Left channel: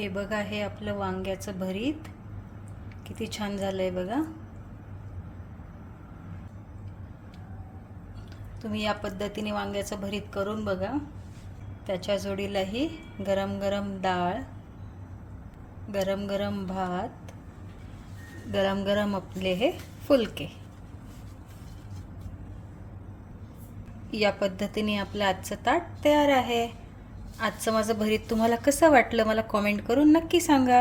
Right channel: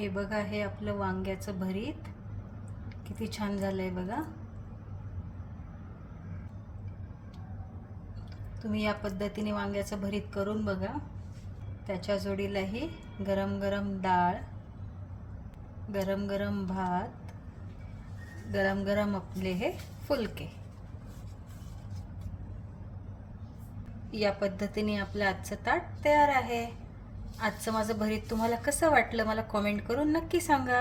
हे बघा हे आपलं वांग्याचं भरीत. किती छान झालं आहे बघा. तुम्ही या पद्धतीने वांग्याचं भरीत करून बघा. त्याच्या जोडीलाही गरम गरम डाळ गरम गरम भात गरम गरम आपले हे फुलके. या पद्धतीने आपलं आजचं ताट तयार आहे. आजचं माझं भरीत तुम्हाला कसं वाटलं मला कॉमेंट करून नक्की सांगा.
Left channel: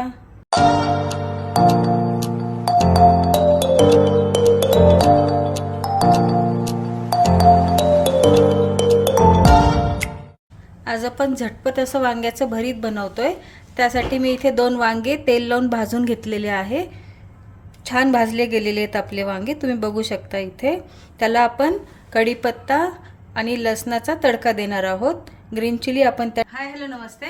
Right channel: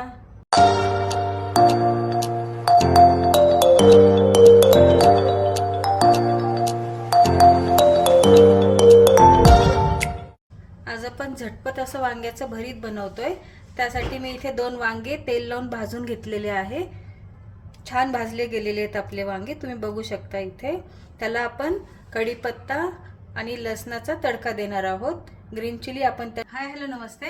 आज आपण झटपट असं वांग्याचं भरीत बनवतोय. त्यासाठी मी इथे दोन वांगे तेल लावून भाजून घेतलेले आहे. छान भाजले गेलेले आहेत आपले वांगे तुम्ही बघू शकता इथे. त्याला आपण कढीपत्ता आणि लसणाचा तडका देणार आहोत. ग्रीन चिली आपण त्या हाय हॅलो नमस्ते.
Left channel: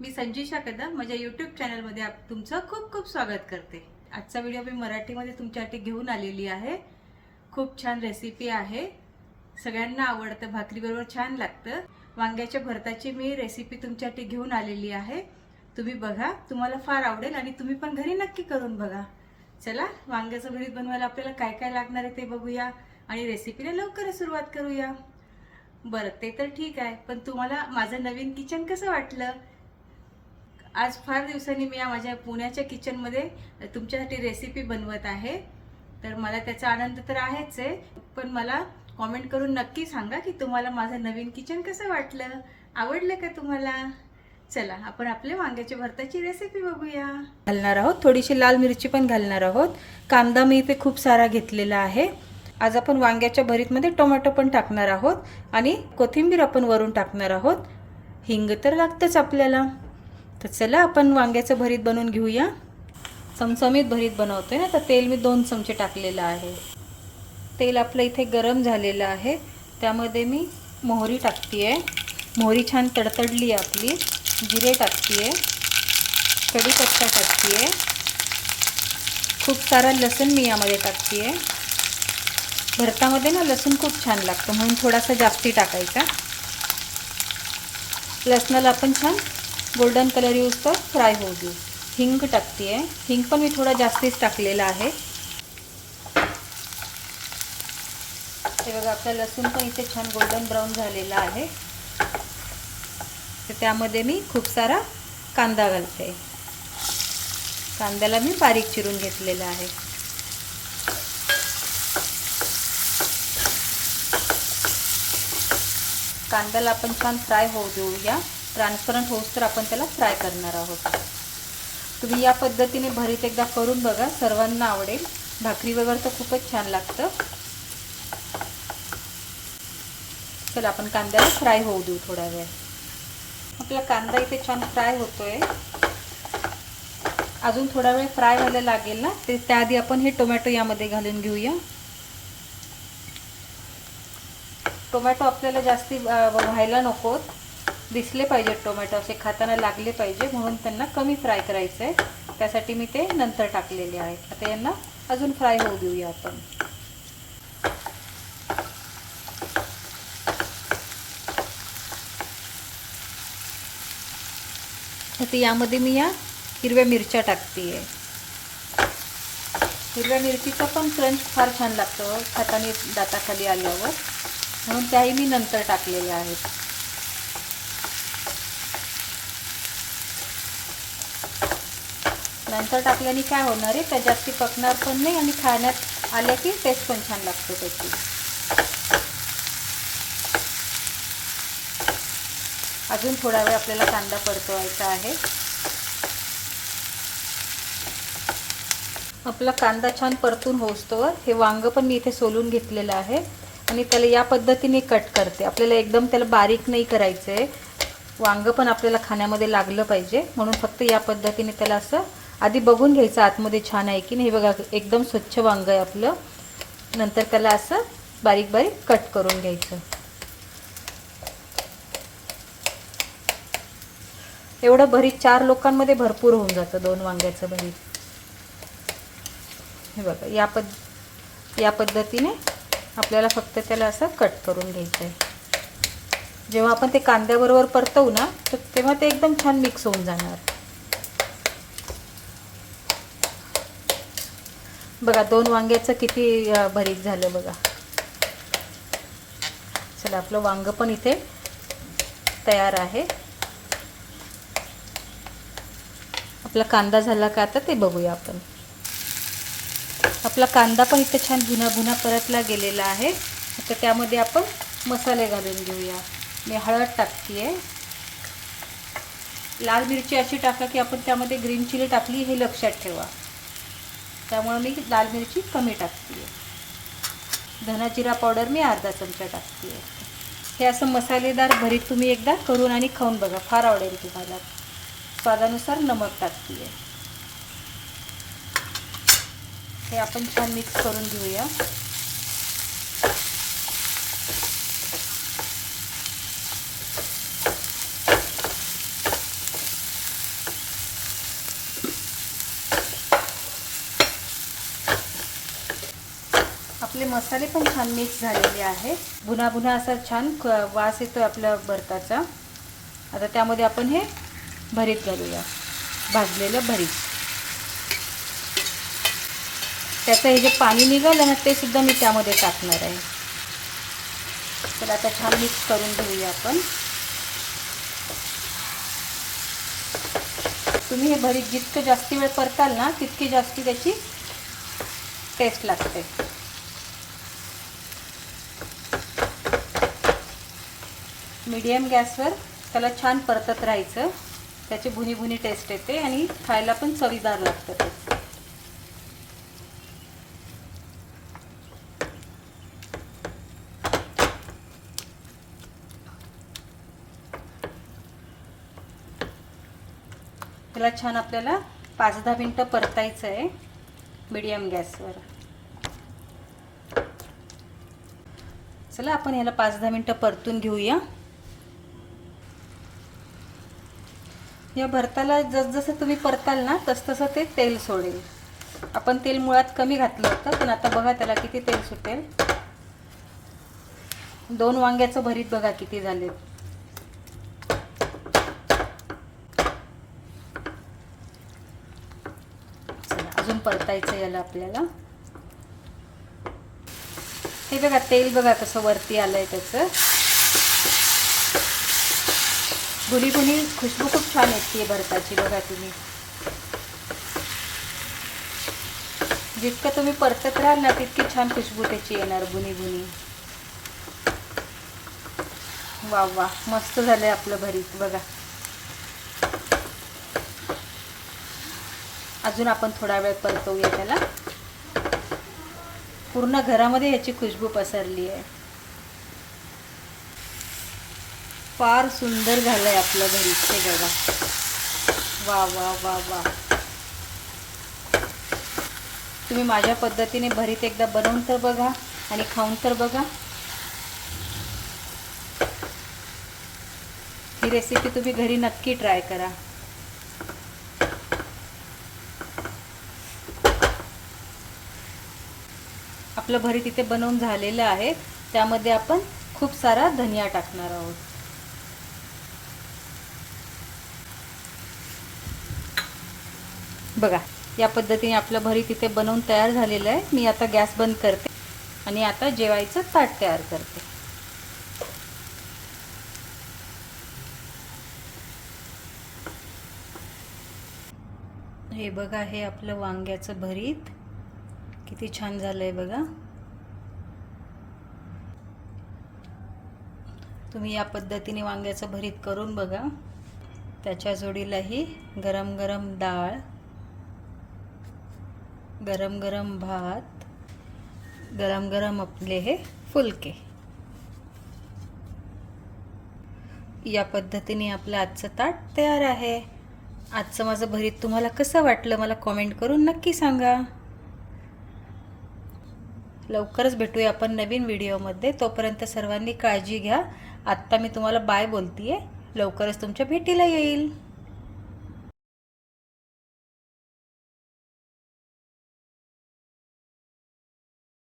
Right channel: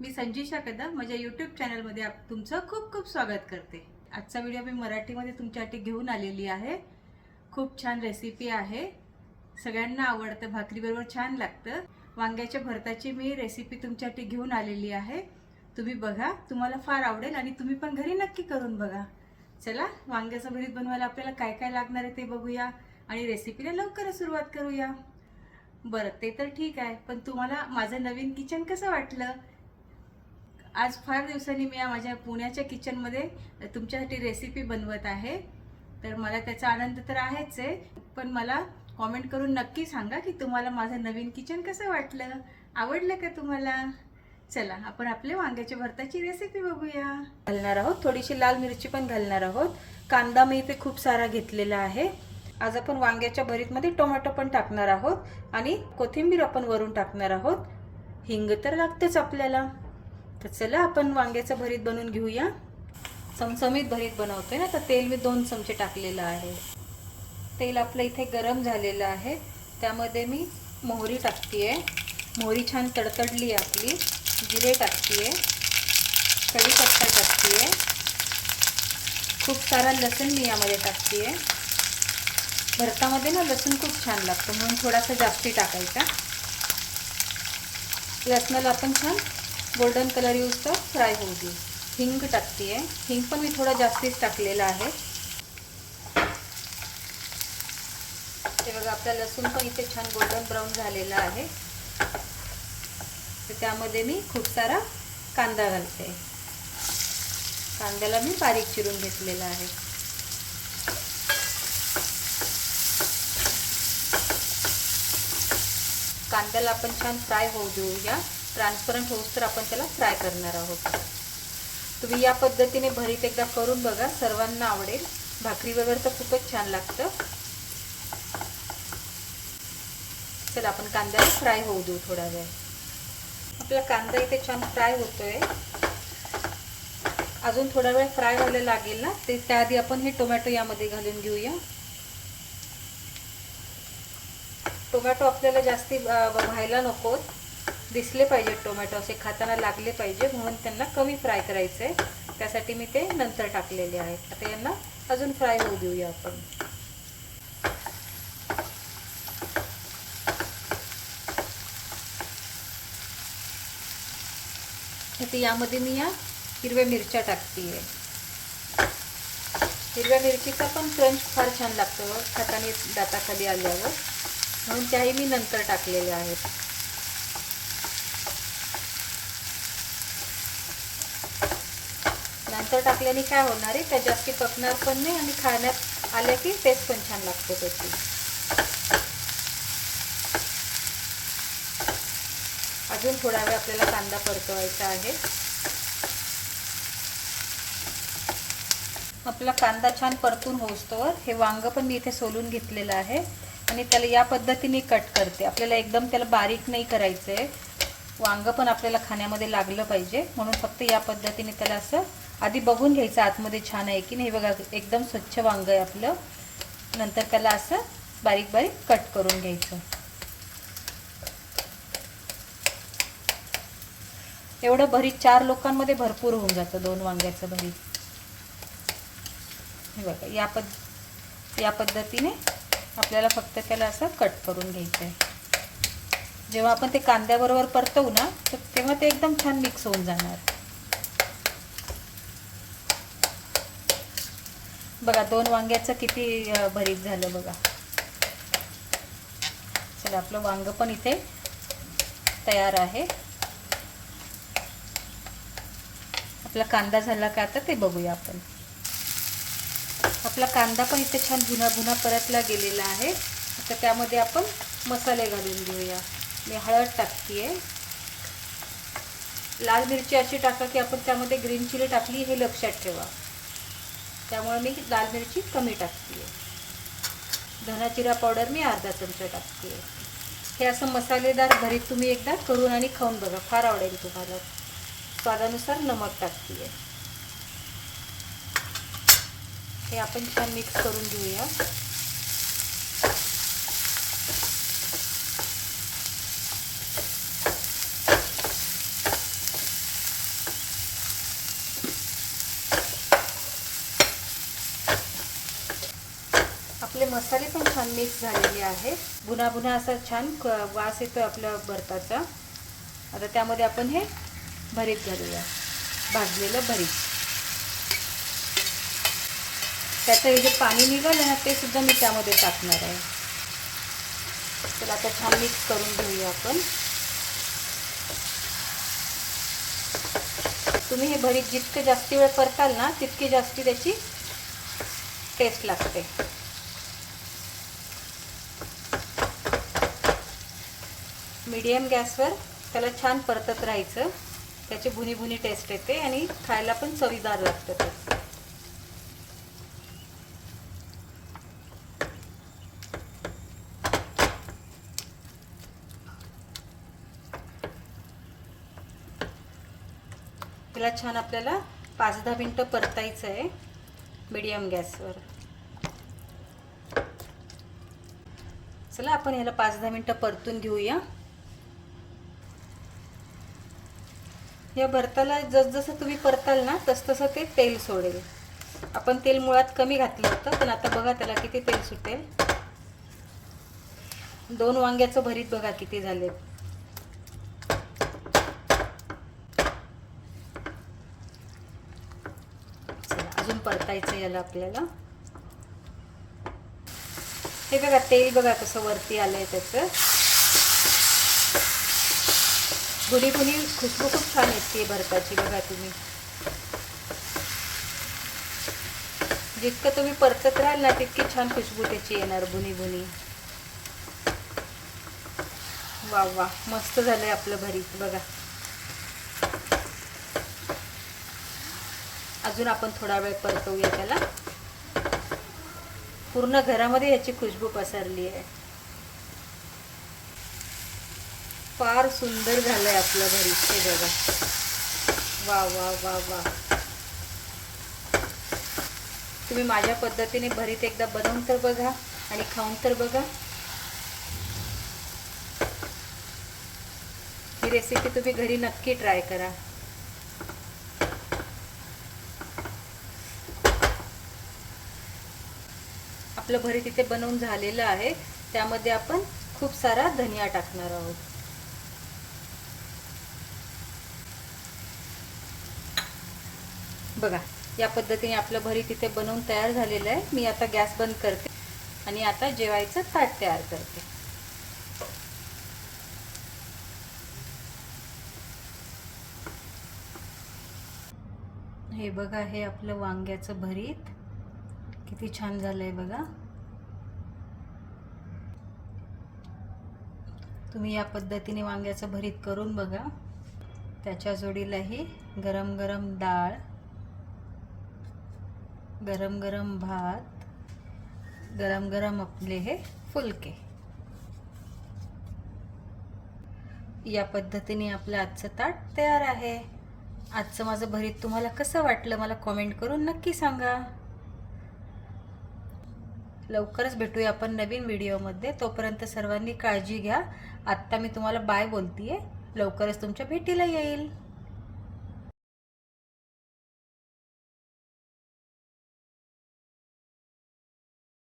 मी संजीशा कदम माझ्या यूट्यूब चॅनलमध्ये आप तुमचं खूप खूप स्वागत करते. आजचा व्हिडिओ मी मराठीमध्ये तुमच्यासाठी घेऊन आलेली आहे. खूप छान रेसिपी आहे. सगळ्यांना आवडतं भाकरीबरोबर छान लागतं. वांग्याच्या भरताची मी रेसिपी तुमच्यासाठी घेऊन आलेली आहे. तुम्ही बघा तुम्हाला फार आवडेल आणि तुम्ही पण घरी नक्की करून बघा. चला वांग्याचं भरीत बनवायला आपल्याला काय काय लागणार आहे ते बघूया आणि रेसिपीला लवकरच सुरुवात करूया. बरं ते तर ठीक आहे पण तुम्हाला माझं नवीन किचन कसं वाटलं? आज फार दिवसांनी मी या माझ्या पुण्याच्या किचनमध्ये तुमच्यासाठी रेसिपी बनवत आहे. तर मला त्याचा आनंद तर आहेच आहे पण मला कॉमेंट करून नक्की सांगा की तुम्हाला माझं नवीन किचन कसं वाटलं? आवडलं का तुम्हाला? चला आपण आपल्या वांग्याच्या भरताची रेसिपी बघूया. घालणार आहोत थोडीशी लाल मिरची पण घालणार आहोत. कांदा मी इथे खूप सारा घेतलेला आहे. आज आपण वांग्याच्या भरीतमध्ये टोमॅटो पण टाकणार आहोत आणि कोथिंबीर आपण वरून टाकणार आहोत. हिंग तर लागतंच आपल्याला. तर चला आपण वांग्याचं भरीत बनवून घेऊया. चमचमीत भरीत बनवतोय ना तर तेल मी दोन चमचे टाकलेलं आहे. तेल आपलं इथे गरम झालेलं आहे. त्यामध्ये मी मोहरी टाकते मोहरी छान तडतडली आपली. जिरे टाकते कढीपत्ता टाकते खूप सारा लसूण मी यामध्ये टाकते भरतामध्ये ना लसूण खूप छान लागतं म्हणून थोडासा जास्ती टाकायचा. लसणाला आपण छान गोल्डन कलर यूज तर फ्राय होऊ देऊ. हिंग टाकते हिंग पण मी थोडा जास्तीच टाकलेला आहे. हे बघा आपलं लसूण पण इथे छान गोल्डन ब्राऊन झालेला आहे. तर त्यामध्ये मी खूप सारा कांदा घालते. कांद्याला मी बारीक चिरून घेतलेला आहे. कांद्याला आपण छान फ्राय होऊ देऊया. ट्रान्सपरंट होऊ तर आपण त्याला फ्राय करणार आहोत. तुम्ही या पद्धतीने भरीत एकदा करून बघा. सर्वांना आवडेल. भाकरी वगैरे तर खूपच छान लागतं. चला आपण कांद्याला फ्राय होऊ देऊ थोडा वेळ. आपला कांदा इथे छान फ्राय होतोय. अजून थोडा वेळ फ्राय व्हायला लागेल ना? ते त्याआधी आपण हे टोमॅटो यामध्ये घालून घेऊया. टोमॅटो आपल्याला जास्ती व्हायला नकोत दिसले पाहिजे टोमॅटो असे खाताना लागले पाहिजे म्हणून त्यांना कमी फ्राय करायचं आहे त्यासाठी मी ते नंतर टाकलेले आहेत आता यांना अजून फ्राय होऊ देऊया आपण. आता यामध्ये मी या हिरव्या मिरच्या टाकते हिरव्या मिरचीचा पण क्रंच फार छान लागतो खाताने दाताखाली आल्यावर. म्हणून त्याही मी नंतर टाकलेल्या आहेत. नंतर टाकल्याने काय होणार आहे? त्या जास्ती पकणार पण नाही आणि खाण्यात आल्या की टेस्ट पण छान लागतो त्याची. अजून थोडा वेळ आपल्याला कांदा परतवायचा आहे. आपला कांदा छान परतून होसतोवर हे वांग पण मी इथे सोलून घेतलेलं आहे. आणि त्याला या पद्धतीने कट करते. आपल्याला एकदम त्याला बारीक नाही करायचं आहे वांग पण आपल्याला खाण्यामध्ये लागलं पाहिजे. म्हणून फक्त या पद्धतीने त्याला असं आधी बघून घ्यायचं आतमध्ये छान आहे की नाही. बघा एकदम स्वच्छ वांग आहे आपलं. नंतर त्याला असं बारीक बारीक कट करून घ्यायचं. एवढं भरीत चार लोकांमध्ये भरपूर होऊन जातं दोन वांग्याचं भरीत. हे बघा या पद या पद्धतीने आपल्याला फक्त त्याला असं कट करून घ्यायचं आहे जेव्हा आपण ते कांद्याबरोबर परतवू ना तर तेव्हा ते एकदम छान मिक्स होऊन जाणार. बघा दोन वांग्याचं किती भरीत झालं बघा. चला आपलं वांग पण इथे तयार आहे. आपला कांदा झाला का आता ते बघूया आपण. आपला कांदा पण इथे छान भुना भुना परतला गेलेला आहे. तर त्यामध्ये आपण मसाले घालून घेऊया. मी हळद टाकते लाल मिरची अशी टाका की आपण त्यामध्ये ग्रीन चिली टाकली हे लक्षात ठेवा. त्यामुळे मी लाल मिरची कमी टाकते धना जिरा पावडर मी अर्धा चमचा टाकते हे असं मसालेदार भरीत तुम्ही एकदा करून आणि खाऊन बघा. फार आवडेल तुम्हाला. स्वादानुसार नमक टाकते हे आपण छान मिक्स करून घेऊया. आपले मसाले पण छान मिक्स झालेले आहेत. भुना भुना असा छान वास येतोय आपल्या भरताचा आता त्यामध्ये आपण हे भरीत घालूया. भाजलेलं भरीत. त्याचं हे जे पाणी निघालं ना ते सुद्धा मी त्यामध्ये टाकणार आहे. तर आता छान मिक्स करून घेऊया आपण. तुम्ही हे भरीत जितकं जास्ती वेळ परताल ना तितकी जास्ती त्याची टेस्ट लागते. मीडियम गॅसवर त्याला छान परतत राहायचं. त्याची भुनी भुनी टेस्ट येते आणि खायला पण चवीदार लागतं ते. त्याला छान आपल्याला पाच दहा मिनटं परतायचं आहे. मीडियम गॅसवर. चला आपण याला पाच दहा मिनटं परतून घेऊया. या भरताला जसजसं तुम्ही परताल ना तसतसं ते तेल सोडेल. आपण तेल मुळात कमी घातलं होतं पण आता बघा त्याला किती तेल सुटेल. दोन वांग्याचं भरीत बघा किती झालेत. अजून परतायचं याला आपल्याला. हे बघा तेल बघा कसं वरती आलंय त्याचं. गुणी गुणी खुशबू खूप छान येते भरताची बघा तुम्ही. जितकं तुम्ही परतत राहाल ना तितकी छान खुशबू त्याची येणार बुनी बुनी वा वा मस्त झालंय आपलं भरीत बघा. अजून आपण थोडा वेळ परतवूया त्याला. पूर्ण घरामध्ये याची खुशबू पसरली आहे. फार सुंदर झालं आहे आपलं भरीत हे बघा. वा वा वा वा. तुम्ही माझ्या पद्धतीने भरीत एकदा बनवून तर बघा आणि खाऊन तर बघा. ही रेसिपी तुम्ही घरी नक्की ट्राय करा. आपलं भरीत इथे बनवून झालेलं आहे. त्यामध्ये आपण खूप सारा धनिया टाकणार आहोत. बघा या पद्धतीने आपलं भरीत इथे बनवून तयार झालेलं आहे. मी आता गॅस बंद करते आणि आता जेवायचं ताट तयार करते. हे बघा हे आपलं वांग्याचं भरीत. किती छान झालं आहे बघा. तुम्ही या पद्धतीने वांग्याचं भरीत करून बघा. त्याच्या जोडीलाही गरम गरम डाळ गरम गरम भात गरम गरम आपले हे फुलके. या पद्धतीने आपलं आजचं ताट तयार आहे. आजचं माझं भरीत तुम्हाला कसं वाटलं मला कॉमेंट करून नक्की सांगा. लवकरच भेटूया आपण नवीन व्हिडिओमध्ये. तोपर्यंत सर्वांनी काळजी घ्या. आत्ता मी तुम्हाला बाय बोलतीये. लवकरच तुमच्या भेटीला येईल.